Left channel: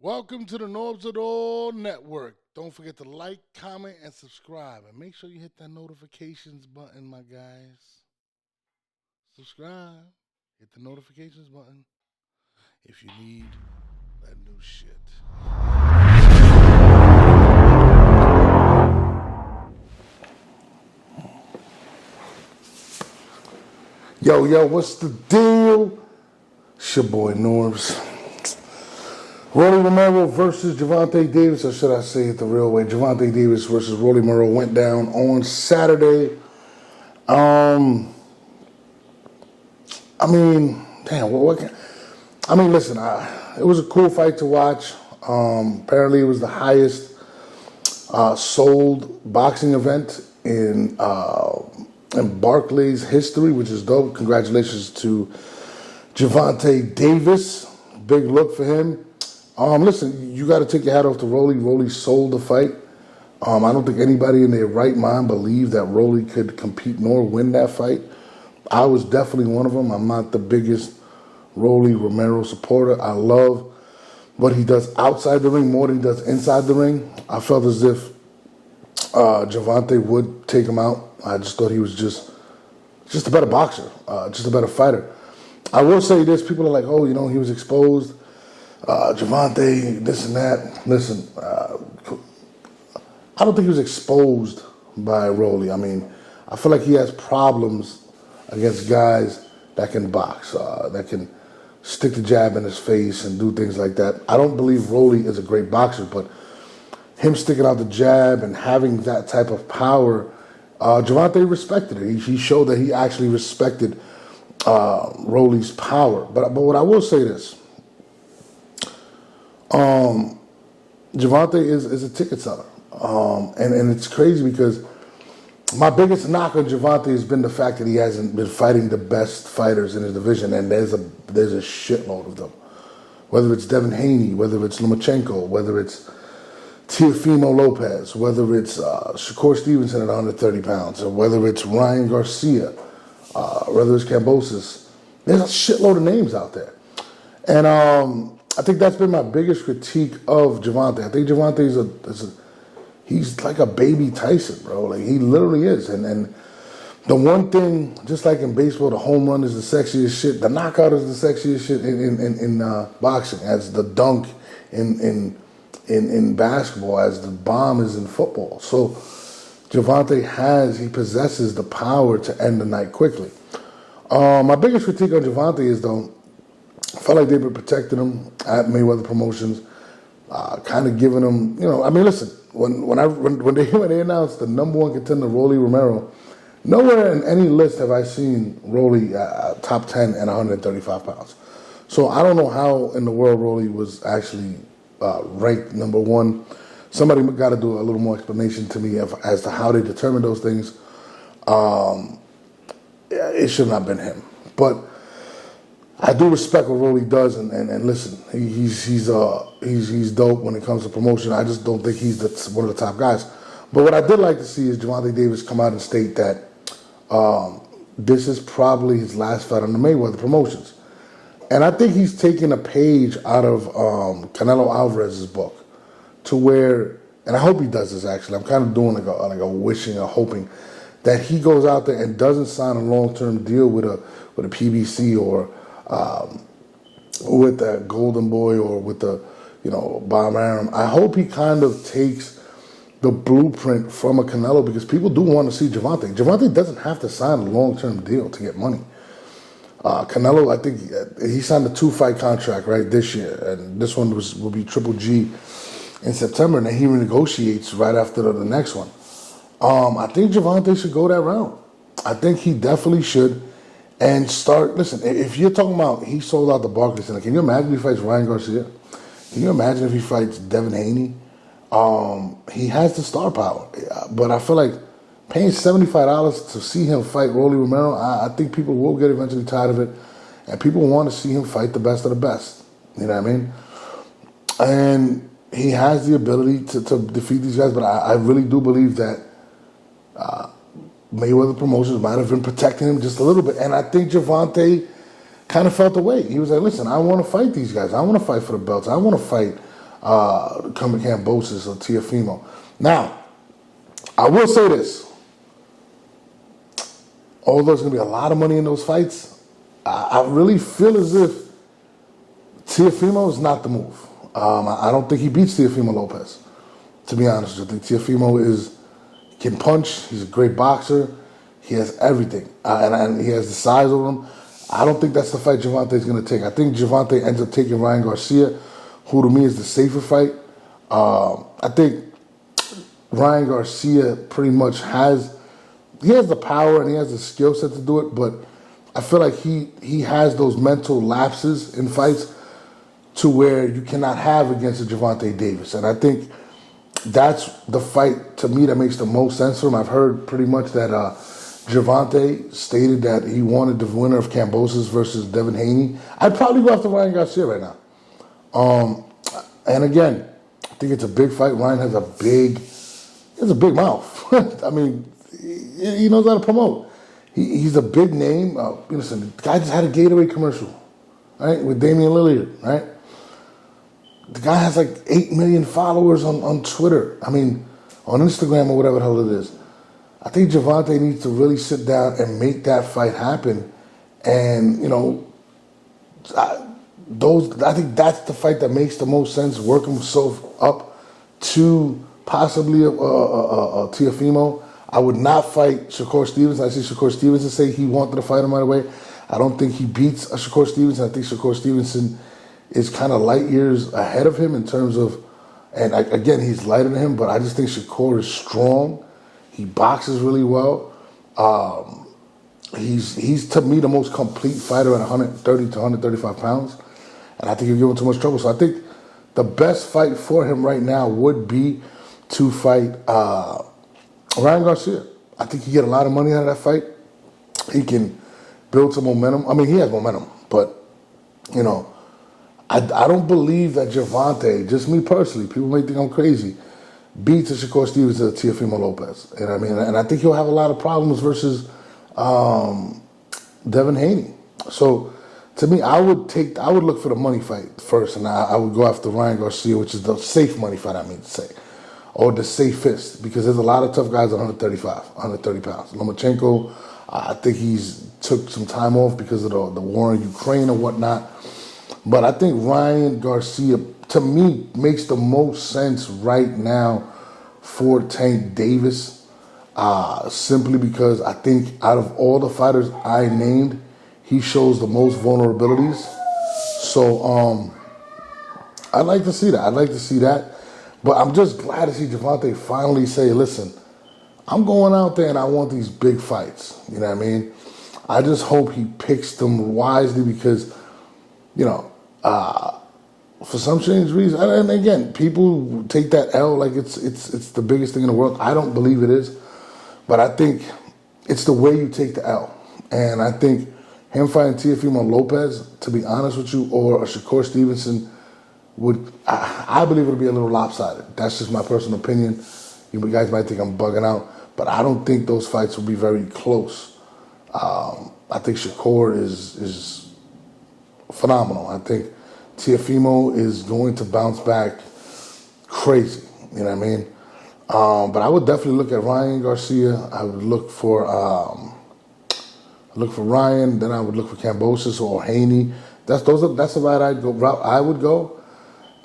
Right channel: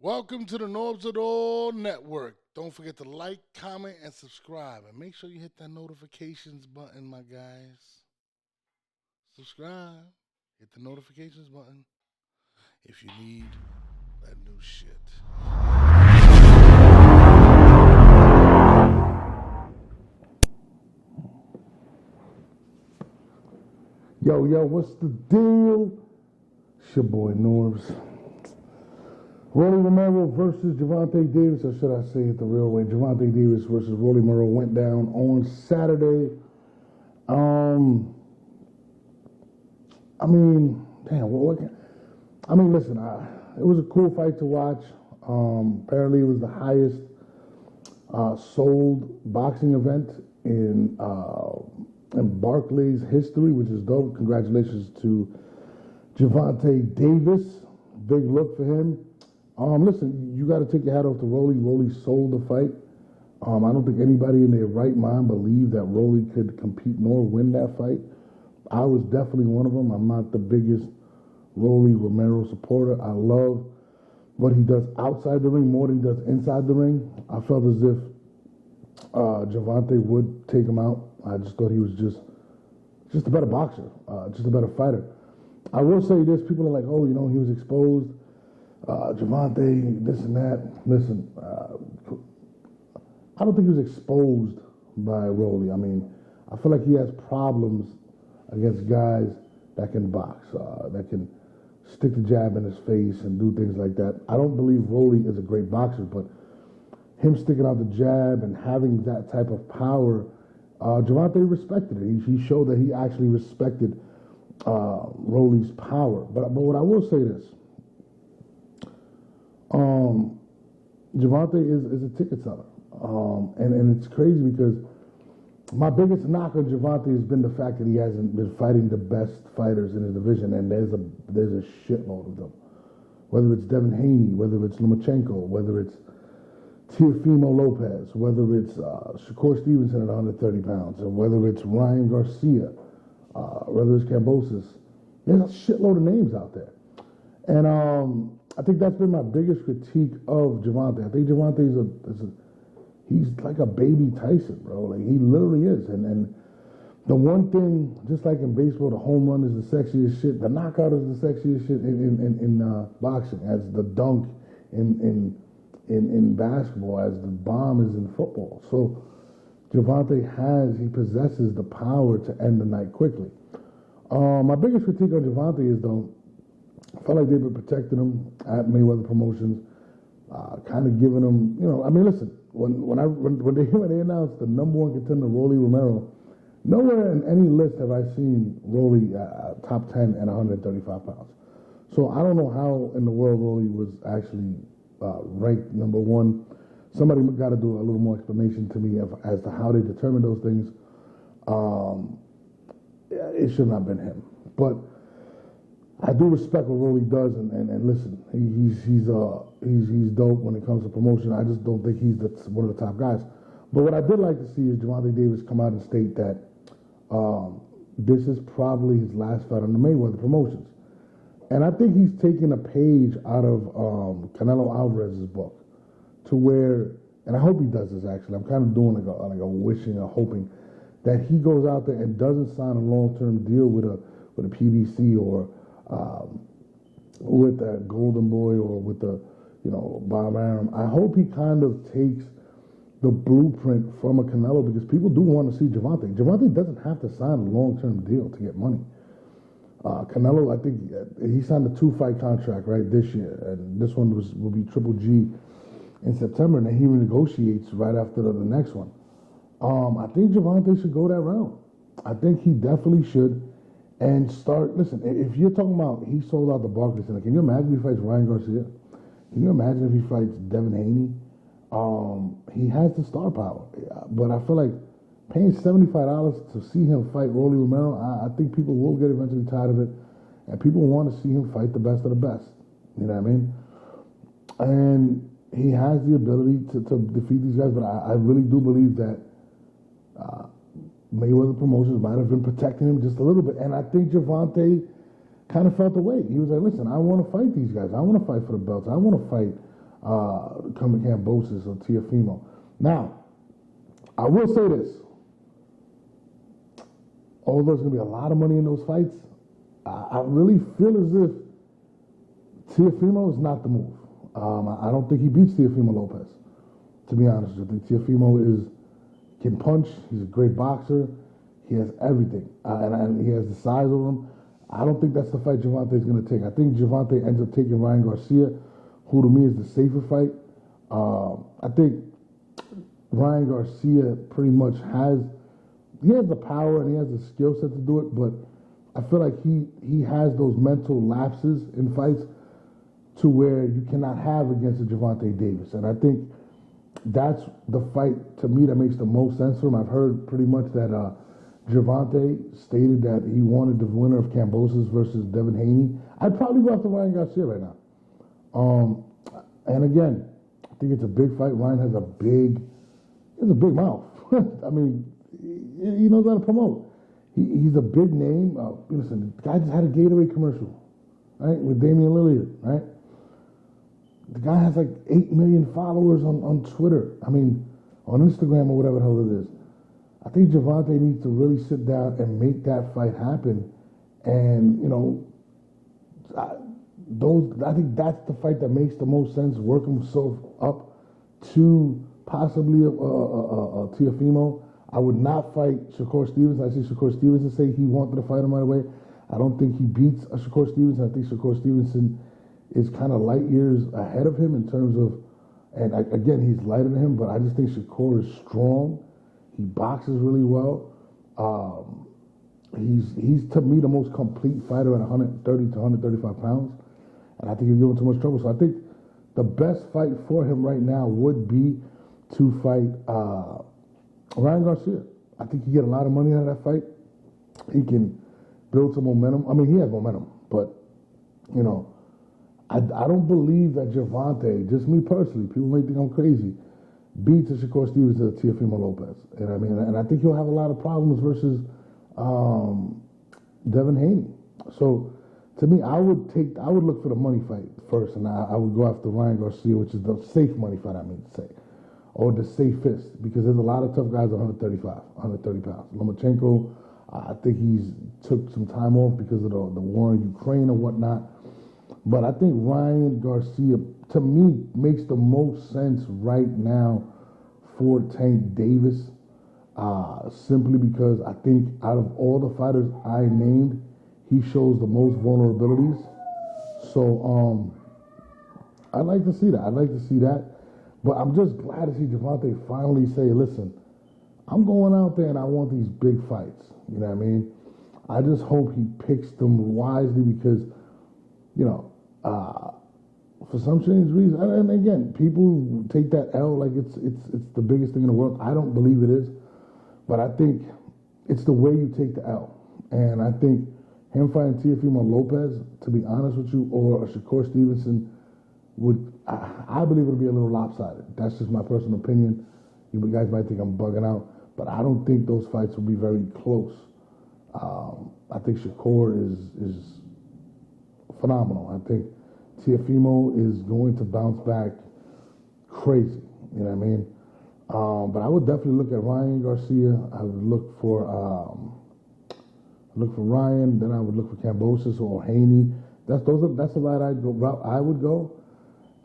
Welcome to the Norbs of the All Network. Don't forget to like, comment, and subscribe. And make sure you hit that notifications button, my guys. Subscribe. Hit the notifications button if you need that new shit. Yo, what's the deal? It's your boy Norbs. Rolly Romero versus Gervonta Davis, or should I say it the real way? Gervonta Davis versus Rolly Romero went down on Saturday. I mean, damn, listen, it was a cool fight to watch. Apparently, it was the highest sold boxing event in Barclays history, which is dope. Congratulations to Gervonta Davis. Big look for him. Listen, you got to take your hat off to Rolly. Rolly sold the fight. I don't think anybody in their right mind believed that Rolly could compete nor win that fight. I was definitely one of them. I'm not the biggest Rolly Romero supporter. I love what he does outside the ring more than he does inside the ring. I felt as if Gervonta would take him out. I just thought he was just a better boxer, just a better fighter. I will say this: people are like, "Oh, he was exposed." Gervonta, this and that. Listen, I don't think he was exposed by Rolly. I mean, I feel like he has problems against guys that can box, that can stick the jab in his face and do things like that. I don't believe Rolly is a great boxer, but him sticking out the jab and having that type of power, Gervonta respected it. He showed that he actually respected Rolly's power. But what I will say this. Gervonta is a ticket seller. And it's crazy because my biggest knock on Gervonta has been the fact that he hasn't been fighting the best fighters in his division, and there's a shitload of them. Whether it's Devin Haney, whether it's Lomachenko, whether it's Teofimo Lopez, whether it's Shakur Stevenson at 130 pounds, or whether it's Ryan Garcia, whether it's Cambosis. There's a shitload of names out there. And I think that's been my biggest critique of Gervonta. I think Gervonta he's like a baby Tyson, bro. Like, he literally is. And the one thing, just like in baseball, the home run is the sexiest shit. The knockout is the sexiest shit in boxing, as the dunk in basketball, as the bomb is in football. So Gervonta he possesses the power to end the night quickly. My biggest critique on Gervonta is, though, I felt like they've been protecting him at Mayweather Promotions, kind of giving him, listen, when they announced the number one contender, Rolly Romero, nowhere in any list have I seen Rolly top 10 and 135 pounds. So I don't know how in the world Rolly was actually ranked number one. Somebody got to do a little more explanation to me as to how they determined those things. It should not have been him. But I do respect what Rolly does, and listen, he's dope when it comes to promotion. I just don't think he's one of the top guys. But what I did like to see is Gervonta Davis come out and state that this is probably his last fight on the Mayweather Promotions. And I think he's taking a page out of Canelo Alvarez's book, to where, and I hope he does this actually. I'm kind of doing like a wishing, a hoping that he goes out there and doesn't sign a long-term deal with a PBC or with that Golden Boy or with the Bob Arum. I hope he kind of takes the blueprint from a Canelo, because people do want to see Gervonta. Gervonta doesn't have to sign a long-term deal to get money. Canelo, I think he signed a 2-fight contract right this year, and this one will be Triple G in September, and then he renegotiates right after the next one. I think Gervonta should go that route. I think he definitely should. And listen, if you're talking about he sold out the Barclays Center, can you imagine if he fights Ryan Garcia? Can you imagine if he fights Devin Haney? He has the star power. But I feel like paying $75 to see him fight Rolly Romero, I think people will get eventually tired of it. And people want to see him fight the best of the best. You know what I mean? And he has the ability to defeat these guys, but I really do believe that Mayweather Promotions might have been protecting him just a little bit. And I think Gervonta kind of felt the way. He was like, listen, I want to fight these guys. I want to fight for the belts. I want to fight coming Kambosos or Teofimo. Now, I will say this. Although there's going to be a lot of money in those fights, I really feel as if Teofimo is not the move. I don't think he beats Teofimo Lopez, to be honest with you. I think Teofimo can punch. He's a great boxer. He has everything. And he has the size of him. I don't think that's the fight Gervonta is going to take. I think Gervonta ends up taking Ryan Garcia, who to me is the safer fight. I think Ryan Garcia pretty much has the power and he has the skill set to do it, but I feel like he has those mental lapses in fights to where you cannot have against a Gervonta Davis. And I think that's the fight, to me, that makes the most sense for him. I've heard pretty much that Gervonta stated that he wanted the winner of Kambosos versus Devin Haney. I'd probably go after Ryan Garcia right now. And again, I think it's a big fight. Ryan has a big mouth. I mean, he knows how to promote. He's a big name. Listen, the guy just had a Gatorade commercial, right, with Damian Lillard, right? The guy has like 8 million followers on Twitter. I mean, on Instagram or whatever the hell it is. I think Gervonta needs to really sit down and make that fight happen. And, I think that's the fight that makes the most sense, work himself up to possibly a Teofimo. I would not fight Shakur Stevenson. I see Shakur Stevenson say he wanted to fight him right away. I don't think he beats Shakur Stevenson. I think Shakur Stevenson is kind of light years ahead of him in terms of, and again, he's lighter than him, but I just think Shakur is strong. He boxes really well. He's to me the most complete fighter at 130 to 135 pounds, and I think he'll give him too much trouble. So I think the best fight for him right now would be to fight Ryan Garcia. I think he get a lot of money out of that fight. He can build some momentum. I mean, he has momentum, but I don't believe that Gervonta, just me personally, people may think I'm crazy, beats a Shakur Stevens or Teofimo Lopez. You know what I mean? And I think he'll have a lot of problems versus Devin Haney. So to me, I would look for the money fight first, and I would go after Ryan Garcia, which is the safe money fight, I mean to say, or the safest, because there's a lot of tough guys at 130 pounds. Lomachenko, I think he's took some time off because of the war in Ukraine or whatnot. But I think Ryan Garcia, to me, makes the most sense right now for Tank Davis, simply because I think out of all the fighters I named, he shows the most vulnerabilities. So I'd like to see that. But I'm just glad to see Gervonta finally say, listen, I'm going out there and I want these big fights. You know what I mean? I just hope he picks them wisely because, for some strange reason, and again, people take that L like it's the biggest thing in the world. I don't believe it is. But I think it's the way you take the L. And I think him fighting Teofimo Lopez, to be honest with you, or a Shakur Stevenson, I believe it'll be a little lopsided. That's just my personal opinion. You guys might think I'm bugging out, but I don't think those fights will be very close. I think Shakur is phenomenal. I think Teofimo is going to bounce back crazy. You know what I mean? But I would definitely look at Ryan Garcia. I would look for Ryan. Then I would look for Kambosos or Haney. That's the route I would go.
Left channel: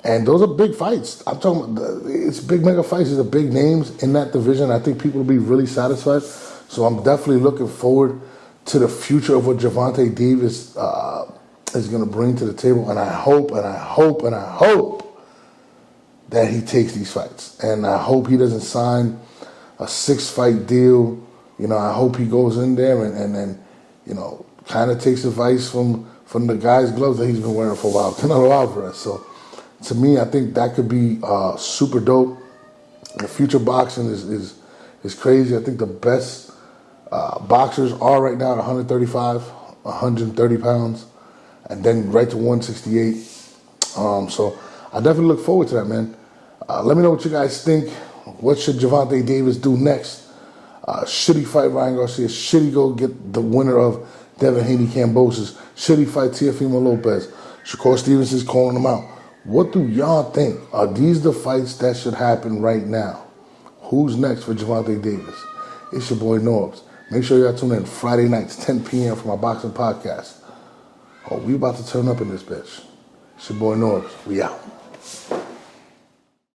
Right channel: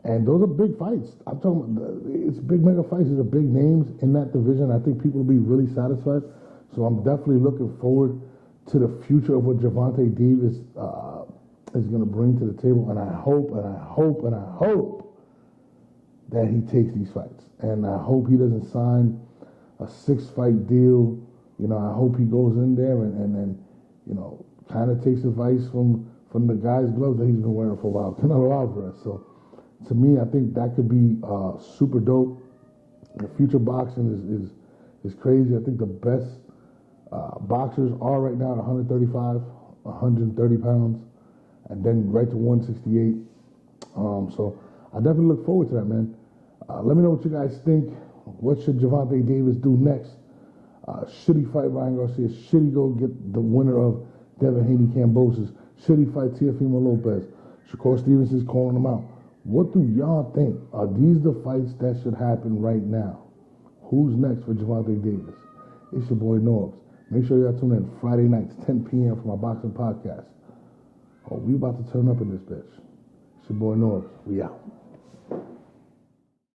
And those are big fights. I'm talking about, it's big mega fights. These are big names in that division. I think people will be really satisfied. So I'm definitely looking forward to the future of what Gervonta Davis is going to bring to the table. And I hope that he takes these fights. And I hope he doesn't sign a 6-fight deal. I hope he goes in there and kind of takes advice from the guy's gloves that he's been wearing for a while, Canelo Alvarez. So to me, I think that could be super dope. The future boxing is crazy. I think the best boxers are right now at 135, 130 pounds, and then right to 168. So I definitely look forward to that, man. Let me know what you guys think. What should Gervonta Davis do next? Should he fight Ryan Garcia? Should he go get the winner of Devin Haney Kambosos? Should he fight Teofimo Lopez? Shakur Stevens is calling him out. What do y'all think? Are these the fights that should happen right now? Who's next for Gervonta Davis? It's your boy Norbs. Make sure y'all tune in Friday nights, 10 p.m. for my boxing podcast. Oh, we about to turn up in this bitch. It's your boy Norbs. We out.